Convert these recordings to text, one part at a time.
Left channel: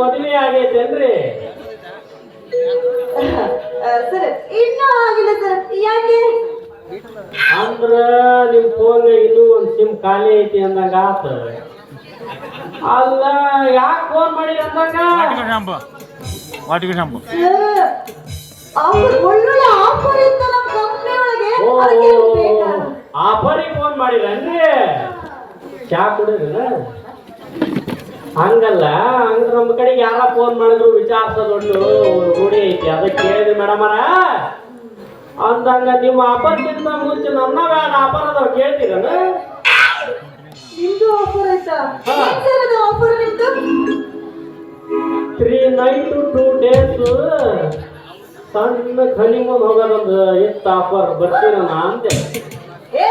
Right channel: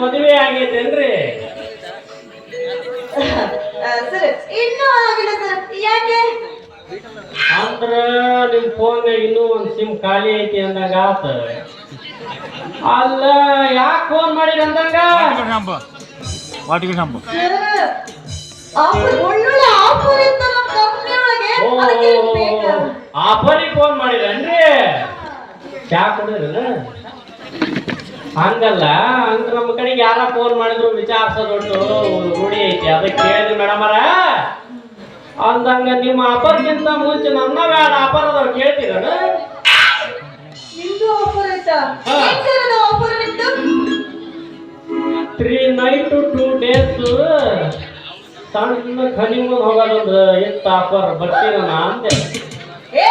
ಮದುವೆ ಆಗೈತೇನ್ರಿ? ಸರ್ ಇನ್ನೂ ಆಗಿಲ್ಲ ಸರ್. ಯಾಕೆ ಅಂದ್ರ ನಿಮ್ ಫೋನ್ ಇನ್ನೂ ಒಂದ್ ಸಿಮ್ ಖಾಲಿ ಐತಿ ಅಂದಂಗ ಆತ. ಅಲ್ಲ ಯಾಕೆ ಫೋನ್ ಮಾಡಿದ ಅಂದಂಗ? ಆಫರ್ ಒಳ್ಳೊಳ್ಳೆ ಆಫರ್ ಇತ್ತು ನಮ್ಮ ಕಂಪನಿ ಒಳಗೆ. ಆಫರಿಗೆ ಫೋನ್ ಮಾಡಿದ್ರೇನ್ರಿ? ಚಾ ಕುಡಿದ್ರಲ್ಲ? ಹಂಗಲ್ಲ, ಹಂಗ ನಮ್ಮ ಕಡೆಗೆ ಯಾರ ಫೋನ್ ಮಾಡಿದ್ರು ವಿಚಾರಿಸೋದೊಂದು ರೂಢಿ ಐತಿ. ಅದಕ್ಕೆ ಕೇಳಿದ್ರಿ ಮೇಡಮರ. ಅಂದಂಗ ನಿಮ್ಮ ಆಫರ್ಗಿಂತ ಮುಂಚೆ ನನ್ನ ವ್ಯಾಡ ಆಫರ್ ಅದಾವ, ಕೇಳ್ತೀರನ? ನಿಮ್ದು ಆಫರ್ ಆಯ್ತಾ? ಏನ್ ಸರ್ ಅದು ಆಫರ್ ನಿಮ್ದು? 3 night 2 days ಸಣ್ಣ ಹನಿಮೂನ್ ಹೋಗೋದೊಂದು ಇತ್ತು ಆಫರ್. ಬರ್ತೀರ ನಾ ಅಂದೆ. ಏ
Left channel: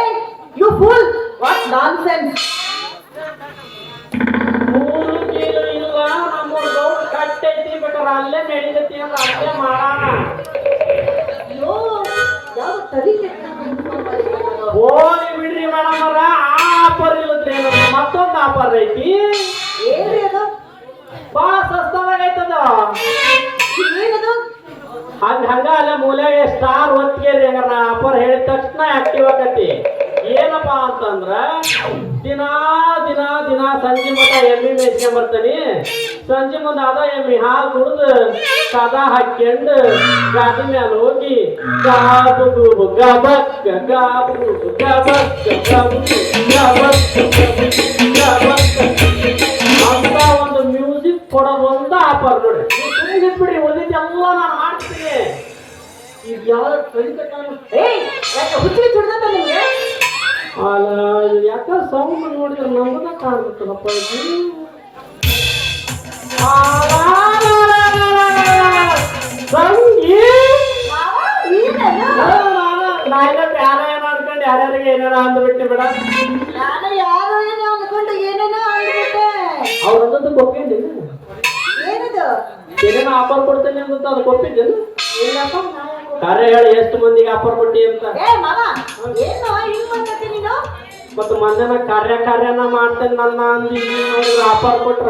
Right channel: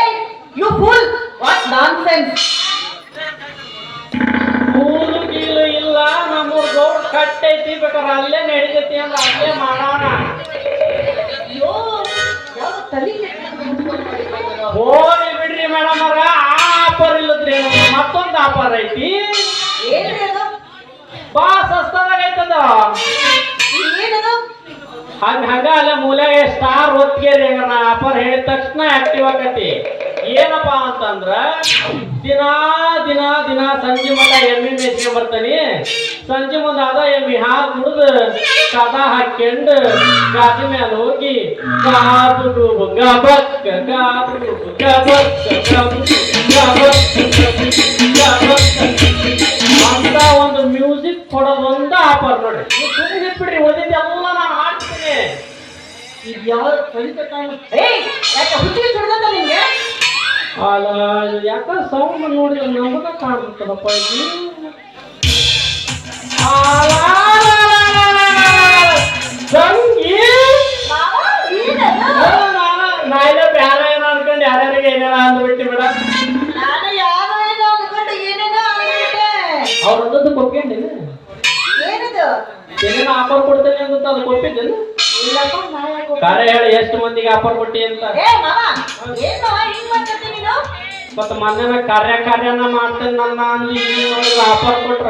ಯು ಫೂಲ್, ವಾಟ್ ನಾನ್ಸೆನ್ಸ್. ಕೂಲು ಗೀಲು ಇಲ್ಲ, ನಮ್ಮ ದೊಡ್ಡ ಕಟ್ಟೈತಿ, ಬೇಕಾದ್ರೆ ಅಲ್ಲೇ ನಡೀತೈತಿ ಅಂತ ಅಲ್ಲೇ ಮಾಡೋಣ. ಅಯ್ಯೋ ಯಾವ ತಲೆ ಹೋಗಿ ಬಿಡ್ರಿ ಮೇಡಮ್ ಅವ್ರ. ಆ ಆಫರ್ ಇಲ್ಲದ್ರಿ, ಮತ್ತೊಂದು ಆಫರ್ ಐತಿ. ಏನ್ರಿ ಅದು? ಬಾ ಸಸ್ತದಾಗ ಐತದ. ಏನದು? ಹಂಗ ಅಲ್ಲ ಮೂಲೆಗೆ ಸ್ಟಾರ್ ಒತ್ತಿಗೆರಿ. ಹಂಗ ನಾ ಆಫರ್ ಹೇಳಿದ ತಕ್ಷಣ ಆಕ್ಟಿವ್ ಆಕತಿ. ಏನಪ್ಪಾ ಅಂತಂದ್ರ ದಿನಾ ದಿನಾ ದಿನಾ ಸಂಜೆ ಮಠ ಎಮ್ಮಿ ಮೇಸ್ಕೊಂಡ್ ಬರ್ತಾನಿ. ಸಂಜೆ ಮುಂದೆ ಅದ ಎಮ್ಮಿ ಹಾಲು ಕುಡಿದು ಕದ ಹಾಕ್ಯಂಡು ಗಾದಿ ಮೇಲೆ ಹೋಗಿ ಗಾದು ಗಬಕ್ ಗಾದು ಗಬಕ್ ಅಂತ ಒಂದು ಮ್ಯೂಸಿಕ್ ಕೊಡೋದೊಂದು ಆಫರ್ ನೋಡ್ರಿ. ಸುಮ್ಮನೆ ಬಿಡ್ರಿ, ಓದಿದ್ದೆಲ್ಲ ನಾ ಮಾಡ್ತೀನಿ. ಇದು ಯಾವ ಫ್ರೆಂಡ್ ಯಾಕೆ ಹುಚ್ಚಿ ಚಿಡ್ದಂತ ನಿಮ್ಗೆ? ಅಲ್ಲ ಯಾಕ ಸೌಂಡ್ ನೋಡಿದ್ರೆ ನಮಗ ಕಾಣ್ತದಪ್ಪ ಇದು. ನಾನೇ ಬ್ಯಾರೆ ಏನೋ ಅನ್ಕೊಂಡು ಯಾರ್ಯಾರಿಗೆ ಏನೇನೋ ಅಂದ್ಬಿಟ್ಟಿ ಬಿಡ. ನಾನು ಯಾರು ಏನೋ ಅನ್ಕೊಂಡು ಏನೇನೋ ಅಂದ್ಬಿಟ್ಟೆ. ಅವ್ರದ್ದು ಕೊಪ್ಪಿಂಡಿನ ಏನದು? ಏನೇನೋ ಆಫರ್ ಕೊಡ್ತೇನೆ ಅಂತ ಅದು ಕೊಪ್ಪಿದ್ದೇನು? ಇಲ್ಲಪ್ಪ, ನಾ ಯಾಕೆ ಕರೆ ಹೇಳಿ ಎಷ್ಟು ಮಂದಿಗೆ ಆಫರ್ ಕೊಟ್ಟಿ ಅಂತ. ಏ ಮಾಮ, ಏನು ಹಿಂಗ್ ಮಾಡ್ತಿ ನೀನು? ಮತ್ತು ಮಂದಿನ ಕಾರ್ಯನ ಮಾಡ್ತೇನೆ ನನ್ನ ಅಂದಿ ಆಫರ್ ಕೊಟ್ರ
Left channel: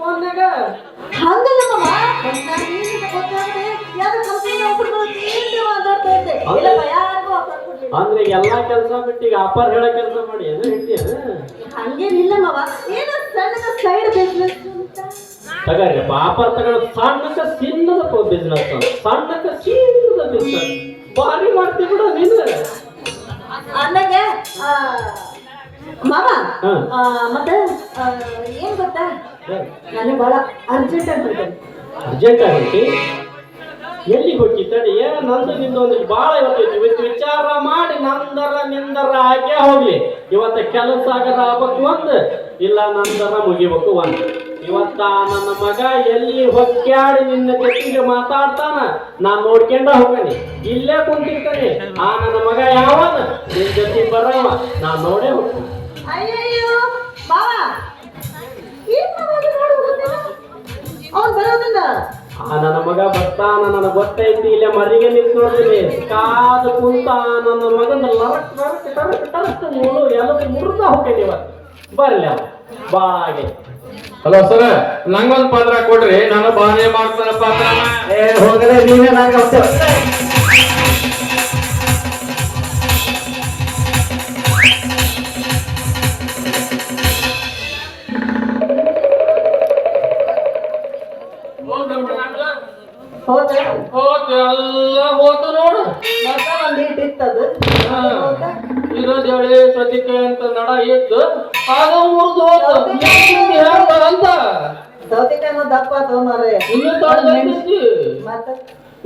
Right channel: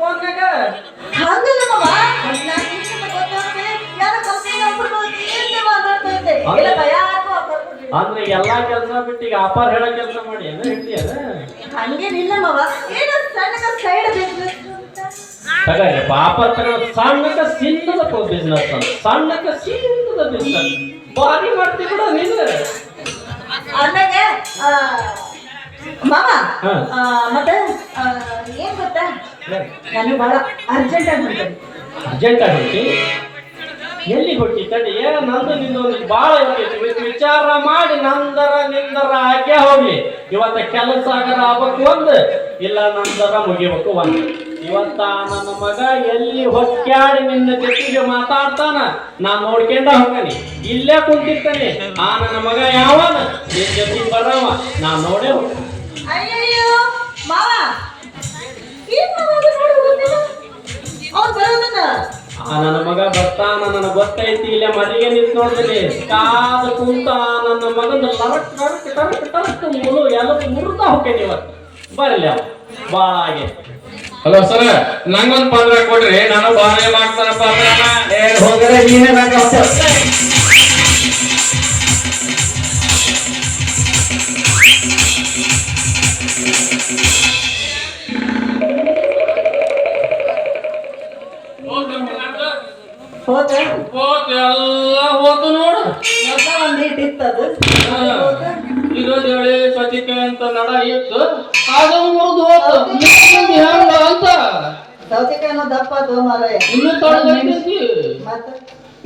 ಫೋನ್ನಾಗ. ಹಂಗಲ್ಲ ಮಾಮ, ನಾನು ನಿನ್ನ ಗೊತ್ತಾಗದೆ ಯಾವ ಕಂಪನಿ ಆಫರ್ ಅಂತ ಮಾತಾಡ್ತಾ ಇದ್ದೆ. ಇಲ್ಲಪ್ಪ, ಯಾರಿಗೂ ಆಫರ್ ಕೊಡ್ಲಿಲ್ಲ. ಅಂದ್ರೆ ಎಲ್ಲಾ ಕೆಲಸ ಬಿಟ್ಟು ಈಗ ಆಫರ್ ಹೇಳೋ ಕೆಲಸ ಮಾಡಿ ಅದ ಹೇಳ್ತೀಯದ? ಹಂಗೇನಿಲ್ಲ ಮಾವ, ಏನೋ ಸಣ್ಣ ಸೈಡ್ ಬಿಸ್ನೆಸ್ ಅಂತ. ತಗರಿಪ್ಪ ಆಫರ್ ತಗೊಂಡು ಸಣ್ಣಕ್ಕ ಸಿನ್ನದ ಬಿಸ್ನೆಸ್, ಸಣ್ಣಕ್ಕ ಸಿನ್ನದ ಬಿಸ್ನೆಸ್ ಭಾರಿ ಮಾಡ್ತಿ ಬಿಡ ನೀನು. ಅಂದಾಗ ಮಾಮ, ಮತ್ತೆ ಏನ್ ಗೊತ್ತಾ, ನಾನು ಬಹಳ ಅರ್ಜೆಂಟ್ ಆಗ್ಬಿಡ್ತೇನೆ. ಅರ್ಜೆಂಟ್ ಆಗೈತಿ? ಎಲ್ಲಿ ಹೊಟ್ಟಿ ತಡಿ. ನಂದು ನಿಂದು ಒಂದು ಭಾಳ ಇವತ್ತೈತಿ. ವಿಚಾರ ಮಾಡಿ ನಂದರ ನಿಂದರ ಹಾಗೆ ಹೋಗ್ಲಿ. ಇವತ್ತ ಕೆಲಸ ಆಗರ ಆಗ್ಬೇಕು ಒಂದು, ಇಲ್ಲ ನಂದರ ಮುಗಿಬೇಕು ಒಂದು. ಇವತ್ತ ನನ್ನ ಮಗ ಎಲ್ಲಿ ಹೊಕ್ಕಾಡಿ ನಿನ್ನ ಜೊತೆಗೆ ಮಾತಾಡ್ತಾನ, ನಾನ್ ನೋಡ್ಕೊಂಡ ಹೋಗ್ತಾನೆ. ಇಲ್ಲೇ ಕುಂತಿರ್ತಾನೆ. ಆ ನನ್ನ ಮಗ ಯಾವನ ನಿನ್ ಜೊತೆಗೆ ಬರವ, ನಾನ್ ನೋಡೇ ಹೋಗ್ತಾನೆ. ಅಯ್ಯಯ್ಯೋ ಮಾವ, ಏನ್ ಗೊತ್ತಿಲ್ಲ ಅವ್ನು ಬರೋದನ್ನ. ಆ ನನ್ನ ಮಗ ಬರ್ತಾನ, ನನ್ನ ಗೊತ್ತೈತಿ. ಇಲ್ಲೇ ಮರಿಗೆ ನಿಂತು ನೋಡ್ತೀನಿ. ಕಾದು ಕುಂತ ನನ್ನ ಮಗನ ಲರಕ್ ಲರಕ್ ಟರಕ್ ಟರಕ್ ಮುಳು ಎಲ್ಲ ಮುರಿದ ಹೋಗ್ತೇನೆ. ಇವತ್ತು ಬರ್ಲಿ ಅವ ಬಾಳ ಹಾಗೆ. ಹಲೋ ಸರ್, ನಂಗೊಂದು ಪಾತ್ರ ಕೊಡ್ರಿ, ನಾನು ಬಾಳೆ ಮಾಡ್ತಾನ ಪಾತ್ರ. ಹೋದ್ರೆ ನೀನೇ ಎಲ್ಲ ಹೋತು ನೋಡು. ಒಂದಿಟ್ಟಿತ್ತದು ಇರೋದು ಹೇಳಿ ಸ್ವಚ್ಛತೆ ಅಂತ ನಡ ಇತ್ತು, ಆಗ ಮುರಿದು ಹೋತು ಅಂತ. ಸೌತೆಕಾಯಿನ ದಪ್ಪ ಅದು ಮಾರಾಯ. ಇನ್ನು ತಳ್ಳೈತಿ. ಮತ್ತೆ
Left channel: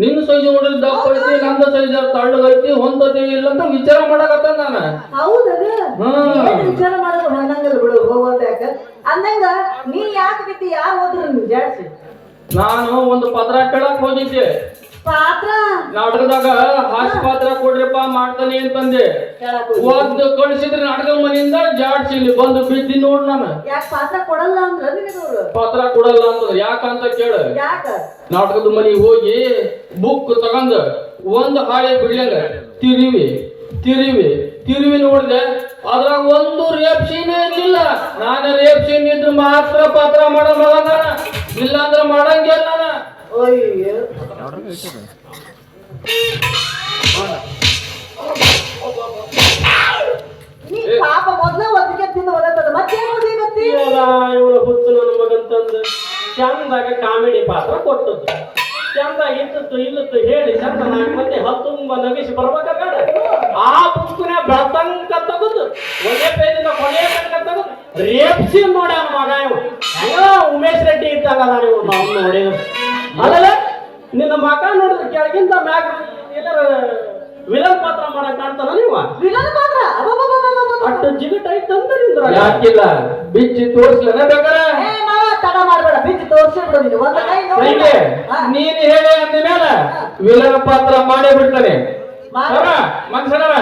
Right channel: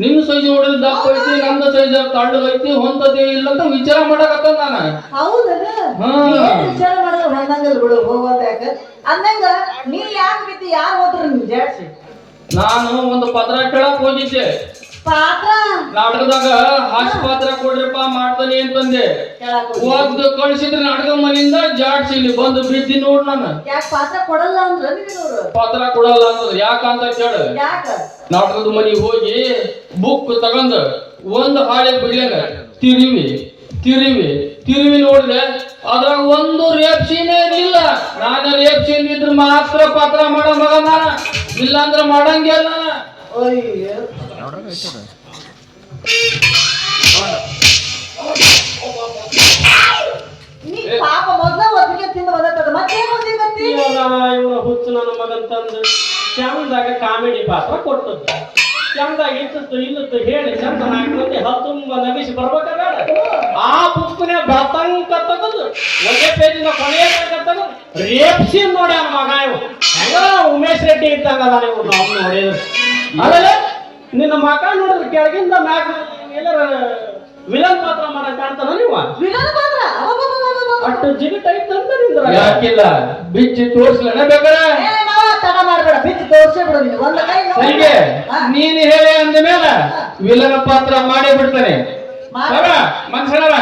ನಿನ್ನ ಸೈಜ್ ನೋಡಿದ್ರೆ ದಪ್ಪ ಐತಿ, ನಂದ ಸೈಜ್ ತಳ್ಳಗೈತಿ, ಹೊಂದತಿ ಇಲ್ಲ ಅಂತ ವಿಚಾರ ಮಾಡಕತ್ತ ನಾನು. ಹೌದಲ್ಲ, ವಿಚಾರ ಮಾಡಿದ್ರೆ ಹೊಂದಂಗಲ್ ಬಿಡು, ಹೋಗೋದ ಯಾಕ ಅಂದಂಗ. ನೀ ಯಾಕೆ ಬಿದ್ದು ಯಾರು ಹೋದ್ರು ನಿನ್ ಜಾಡ್ಸಿ? ನಾನು ಒಂದು ಪತ್ರ ಕೇಳಕ್ ಹೋಗಿದ್ದೆ. ಪಾತ್ರ ನಾಟಕದಾಗ ಹಾಸ್ಯ ಪಾತ್ರ ಕೊಡ್ರಿಪ್ಪ ಮಾಡ್ತಾನೆ ಅಂತಂದೆ. ಒಂದು ಕಳಿಸಿದ್ರೆ ನಾಟಕ ಮನೆಯಿಂದ ಜಾಡ್ಸಿ ಇಲ್ಲಿ ಬಂದು ಬಿದ್ದಿ ನೋಡ್ ನಾನು. ಯಾಕೆ ಪಾತ್ರ ಕೊಡಲ್ಲ ಅಂದ್ರ ನಿನಗವ್ರು? ಪಾತ್ರ ಕೊಡಲ್ಲ ಅಂತಂದ್ರೆ ಯಾಕಂತ ಕೇಳ. ಯಾಕ? ನಾಟಕದ ಮನೆಗೆ ಹೋಗಿ ಬುಕ್ ತಗೊಂಡ್ ಒಂದು ಹಾಳೆ ಬಿಡ್ಲಂಗ ತಿರುವಿ ತಿರುವಿ ತಿರುವಿ ನೋಡಿದ್ರೆ ಅದ್ರಾಗ ಒಂದು ರೇಪ್ ಸೀನೇ ಇರ್ಲಿಲ್ಲ. ನಾನು ರೇಪ್ ಸೀನ್ ಇದ್ರೆ ಮಾತ್ರ ಪಾತ್ರ ಮಾಡೋ ಮಗ ನಾನು, ಇಲ್ಲ ಅಂದ್ರೆ ಮಾಡಂಗಿಲ್ಲ ನಾನು. ಅಯ್ಯೋ ನೀ ಪಾಪ ಮೊದ್ಲ ಒತ್ತಿಗೆ ತಿಂದು ಬದತ್ತದ ಮತ್ತೇನು ಸಿಗತ್ತಿ ಇವನು ಹುಚ್ಚು ನನ್ನ ಮಗಂತಂದು ಚಂದಾಗ ಕಾಮಿಡಿ ಪಾತ್ರ ಕೊಟ್ಟದ್ದು. ಚಂದಾಗ ಇತ್ತು ಇಲ್ಲತ್ತು ಹೇಳಿ ಚಂದ 4 ಮಂದಿ ತುಂಬ ನಗಿಸಿ ಬರ್ಬೇಕ ಬೇಡ. ಆ ಪುಸ್ತಕನ ಬತಂಕ ತೆಗೆದು ಒಂದೇ ಪೇಜಿನ ಕೊನೆಯ ತೆಗೆದು ರೇಪ್ಸಿ ನೋಡ್ಯಾನ ಮಗ ಇವು. ಹೆಂಗ ಉಮೇಶ್ ರೆಡ್ಡಿ ಇದ್ದಾಗ ನಾನು ಅವ್ನು ನೋಡಿದ್ರು. ಆಮೇಲೆ ನಿನ್ನ ಮಗ ನೋಡಿದ್ರೆ ಕೆಳಗಿಂದ ಮ್ಯಾಗ ಎಲ್ಲರ ವಿಲನ್ ಪಾತ್ರ ಮಾಡಕ್ ಕಾಣ್ತಾನ ನೀವು. ವಿಲನ್ ಪಾತ್ರ ಅಷ್ಟು ಜಿಗಟ್ ಐತಂದ್ರೆ ನಿಂದ್ರ ಯಾಕಿಲ್ಲ ಬಿಚ್ಚಿ ತೋರ್ಸ್ಲನ ಬೇಕಾರೆ ತಡ ಮಾಡ್ಬೇಡ ಬಿಚ್ಚಿ ತೋರ್ಸೇ ಬಿಡು ನೀನು ಒಂದ ಕೈ ನೋಡಿ. ಹೀಗೆ ನೀನು ಹೇಳಿ ಅಂದ ಮೇಲೆ ವಿಲನ ಪಾತ್ರ ಮಾಡೇ ಬಿಡ್ತಾನೆ. ಮಗ ಮನುಷ್ಯನವ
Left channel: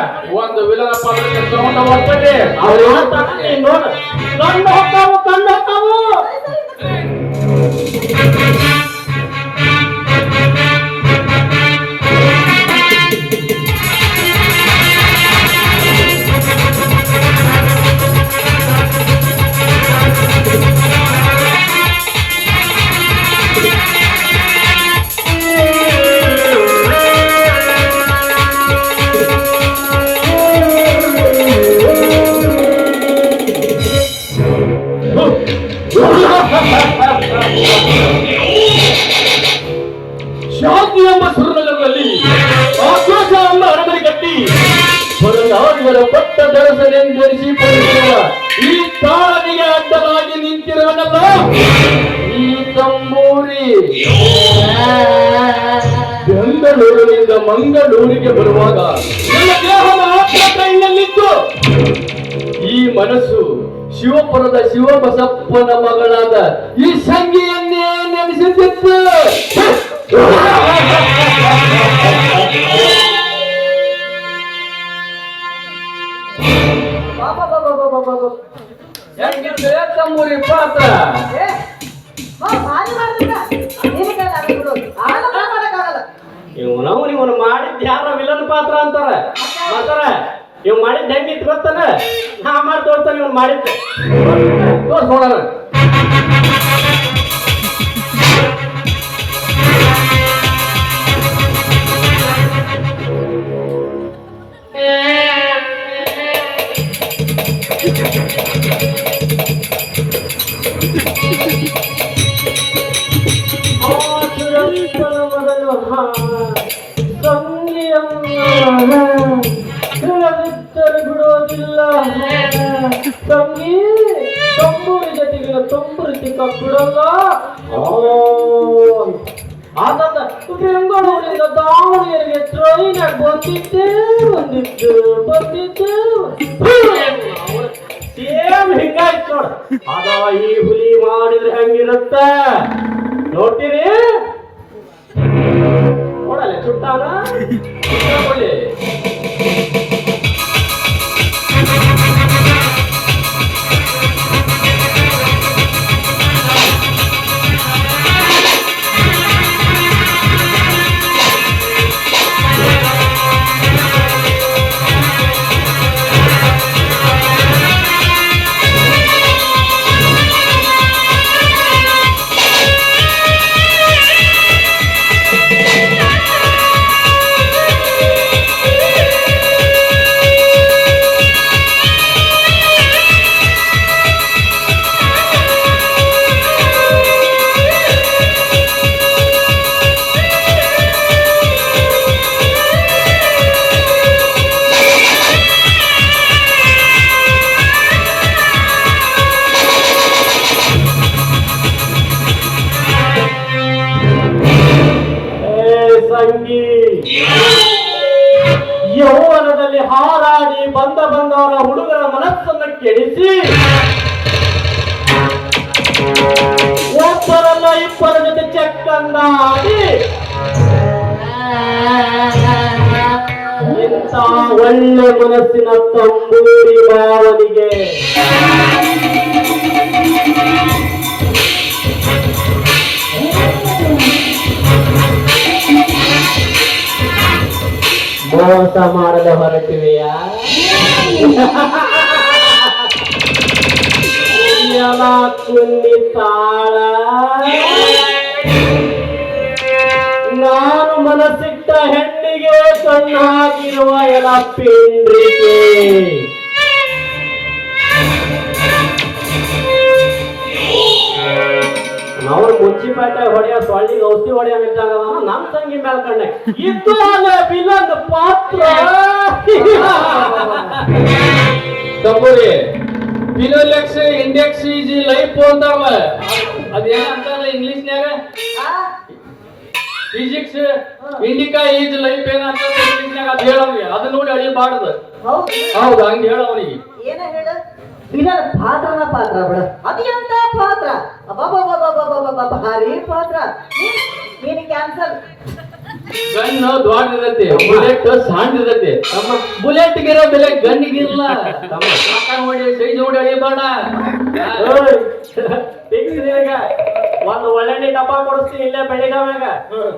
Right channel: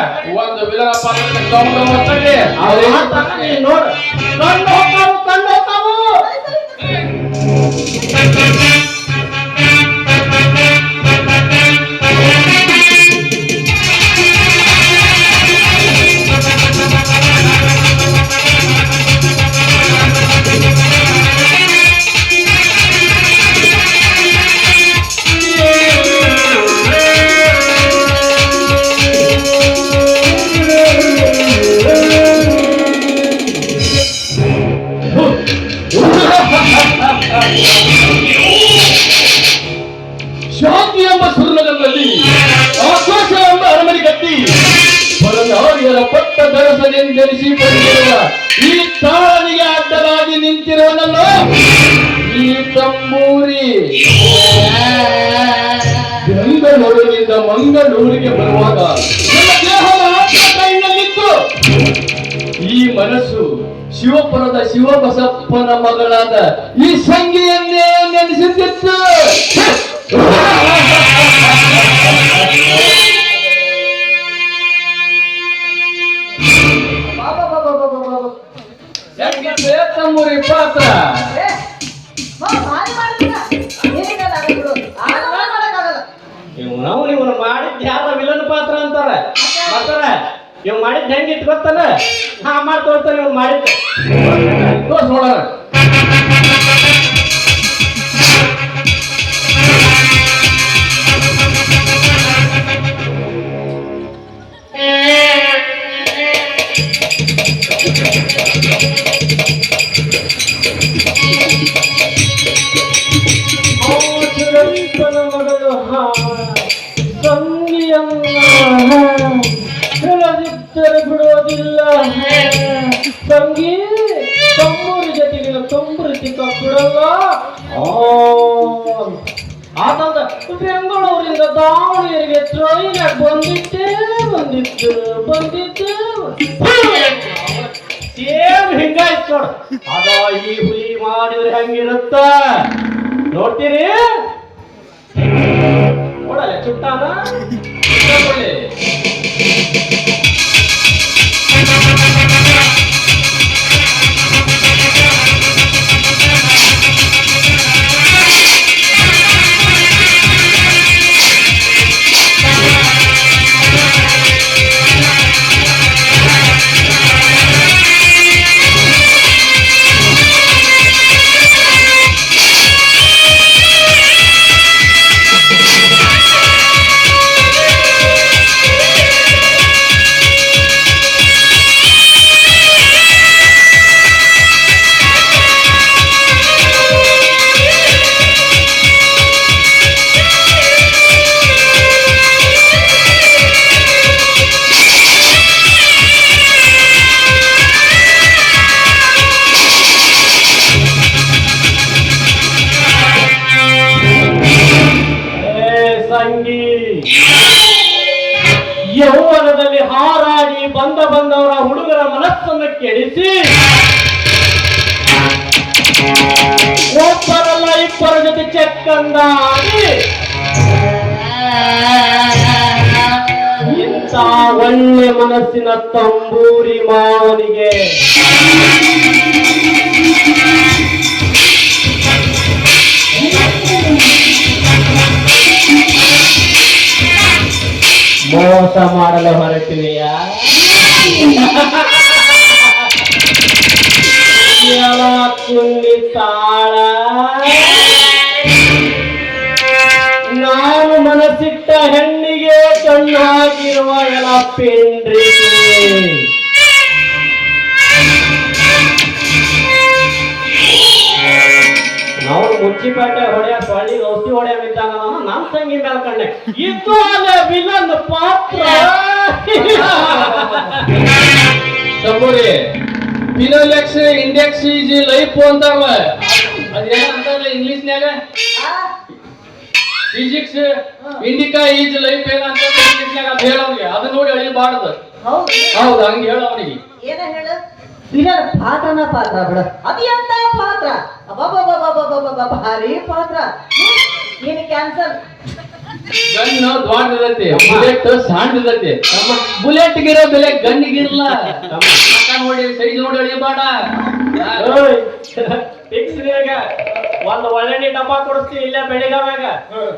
ಒಂದು ವಿಲನ ಪಾತ್ರ ತಗೊಂಡು ಹೋಗ್ತಾರೆ. ನೋಡು ಕಂಡು ಹೋಗ್ತಾವು ಕಂಡು ಹೋಗ್ತಾವು. ಶಾಂತಿ ಎಂಬ ಸುರ್ಣದಲ್ಲಿ ಆಕಾಶ ಎಂಬ ಅರಮನೆ ಕಟ್ಟಿ ಹೊರನಾಡಿಗಳ ಪಟ್ಟ ದರಸನೆಂದೆನಿಸಿ ಈ ತಾಳನಿಗೆ ಅಡ್ಡಲಾಗಿ ನಿಂತಿರೋನಲ್ಲ ಈ ತಂಬೂರಿ. ಬೆಂಗಳೂರಿನಿಂದ ಮಂಗಳೂರಿಗೆ ಬರುವಾಗ ನನ್ನ ದೇಹ ಮಾತ್ರ ಕೈನಲ್ಲಿತ್ತು. ಈ ಮನಸ್ಸು ಶಿವಪುರದ ಶಿವಬಸಪ್ಪನ ಮಗಳಾದ ಈ ಸಂಗಿಯನ್ನೇ ನೆನೆಸಿದ್ದಿತ್ತು. ತಮ್ಮೂರಿ ಪಾತ್ರ ಇವನು ಮಾಡಿದ್ ಯಾರ ವಿಲನ್ ಪಾತ್ರ ಅಂತಾರೆ ಮಾಡ್ತಾರ. ಇವ್ ಮಾಡಿದ್ ಹೆಂಗಿತ್ತು ಗೊತ್ತಲ್ಲ, ನಾ ಮಾಡಿ ತೋರ್ತಾನೆ ಇವ್ನು ಮಾಡಿದ್ದು. ನೋಡೋಣ. ಬಿಡೋದಿಲ್ಲ ತಂಗಿ ತಂಬೂರಿ ಜೊತೆಗೆ ತಂಬೂರಿ ತಿಕ್ಕ ಬಿಡಲ್ಲ. ಆದಾಗ ಬೆಂಗಳೂರಿಂದ ದಾವಣಗೆರೆಗೆ ಟ್ರೈನ್ ಬಂದಿದ್ದೆ ಸೇಮ್ ಹಿಂಗಾಯ್ತು ನೋಡ. ಅದ ಈ ಹುಲಿ ಮಾಡಿದ್ರೆ ಹೆಂಗಿರುತ್ತ ನೋಡ್ತೀರಿ. ನೋಡಲ್ಲ ಚುಟ್ಟಾನ ಯೌವನದಲ್ಲಿ ಹಾರಾಡಿ ಬಂದವರ ಹುಡುಗರ ಮನಸ್ಸನ್ನು ಕೆಡಿಸಿ ಒಬ್ಬರಲ್ಲ ಇಬ್ಬರ ಜೊತೆ ಚೆಕ್ಕಂದಾಗಿ ಇಂಥ ಒಳ್ಳೆ ಮನಸ್ಸಿನ ತಂಬೂರಿ ಮಾವನಿಗೆ ಮೋಸ ಮಾಡಲು ಹೊರಟಿವೆಯಾ? ನುಣ್ಣಿ ತಾಳ ನಾನು ಮನಸ್ಸಿಟ್ಟ ಹೆಣ್ಣಿಗೆ ಕಣ್ಣು ಹಾಕಿರುವ ಎಳಪ್ಪೇಂದ್ರಿಕೆ ಅವ್ರು ಮುಚ್ಚಿಪೇಟೆ ಹೊಡೆಯ ಬಳ್ಳಿ ಔಷಧಿ ಹೊಡೆಯ ನಿಂತಾಗ ನನ್ನ ತಂಗಿ ಮೇಲ್ಕಂಡೆ ಇದು ಅಲ್ಲೇ ವಿಲನ್ ಪಾತ್ರ ತಪ್ಪುರಿ ಫಿನೋಲೆಕ್ಸ್ ಇಂಡೆಕ್ಸ್ ಈಸ್ ಲೈಫ್ ಅಂತಾರಲ್ಲ ಅದೇನಂತಾರಲ್ಲ ಇಂಗ್ಲಿಷ್ನ್ಯಾಗ ಫಿಸಿಕ್ಸ್ ಇಂಡಿಕಾ ಈಸ್ ಲೈಫ್ ಏನಂತ ಇಂಗ್ಲಿಷ್ನ್ಯಾಗ ಅದು ಹೇಳವ್ರಿಗೆ ಅದು ನೋಡಿ ಅಳಿಬಾರ್ದು ಹೌದು ಹೌದು ಹಂಗೆ ಹೇಳ ಅವನಿಗೆ ಏನ ಹೇಳು ವಿಲನ್ ಪಾತ್ರನ ಪಾತ್ರ ಬಿಡ ಅದು ಎಂತ ಪಾತ್ರ ಅಬ್ಬಬ್ಬಬ್ಬಬ್ಬಬ್ಬಬ್ಬ ಭಾರಿ ಪಾತ್ರ ನೀನು ಕ್ಯಾನ್ಸಲ್ ಗನ್ ದೊಡ್ಡದೈತಿ ಬುಲೆಟ್ ಸಣ್ಣದೈತಿ ಬುಲೆಟ್ ಗಿರೋ ಬೆಲೆ ಗನ್ನಿಗಿರಲ್ಲ ನೋಡಿ ಸೈಜ್ ನೋಡಿ ಅಳಿಬೇಡ ಫಿಕ್ಸ್ ಈಗ ಒಂದು ಒಳ್ಳೆಣ್ಣೆ ಡಬ್ಬ ಕೊಡಿಸ್ತೀನಿ ಇಲ್ಲೇ ಬೆಳಿಗಾವ್ಯಾಗ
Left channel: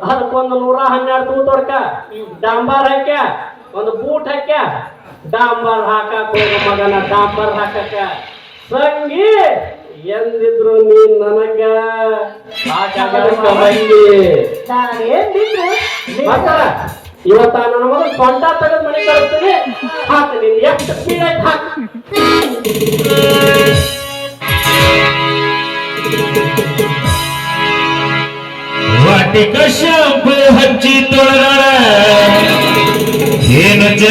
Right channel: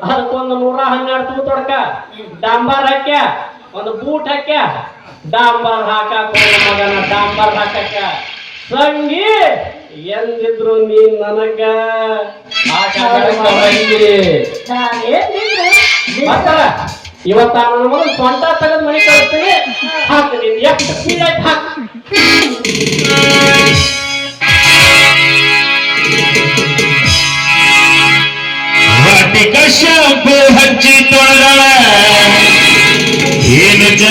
ಅದಕ್ಕೊಂದು 112 ತೂತ್ ಹೊಡ್ಕ ಡಾಂಬರ್ ಹಾಕ್ಯ ಒಂದು ಬೂಟ್ ಹಾಕ್ಯ ಡಾಂಬರ್ ಹಾಕಕ್ ಮಗನ ಡಾಂಬರ್ ಹಾಕಕ್ಕ ಸಂಗಿ ಎಂದಿದ್ರು ನೀನ್ ನನಗ ನಾನೇನ್ ಬಿಟ್ರೆ ಇವತ್ತ ನನ್ನ ಮಗ ಸ್ವಂತ ತೆಗೆದು ಮನೆ ಕಳಿಸ್ತೀನಿ ಹಾಕು ನೀನ್ ಎಷ್ಟು ಪೀರಿಯಡ್ ಹಾಕು ವಾಟಿಕ ಶಾಂಪು ಹಚ್ಚಿ ತೊಳೆದಳ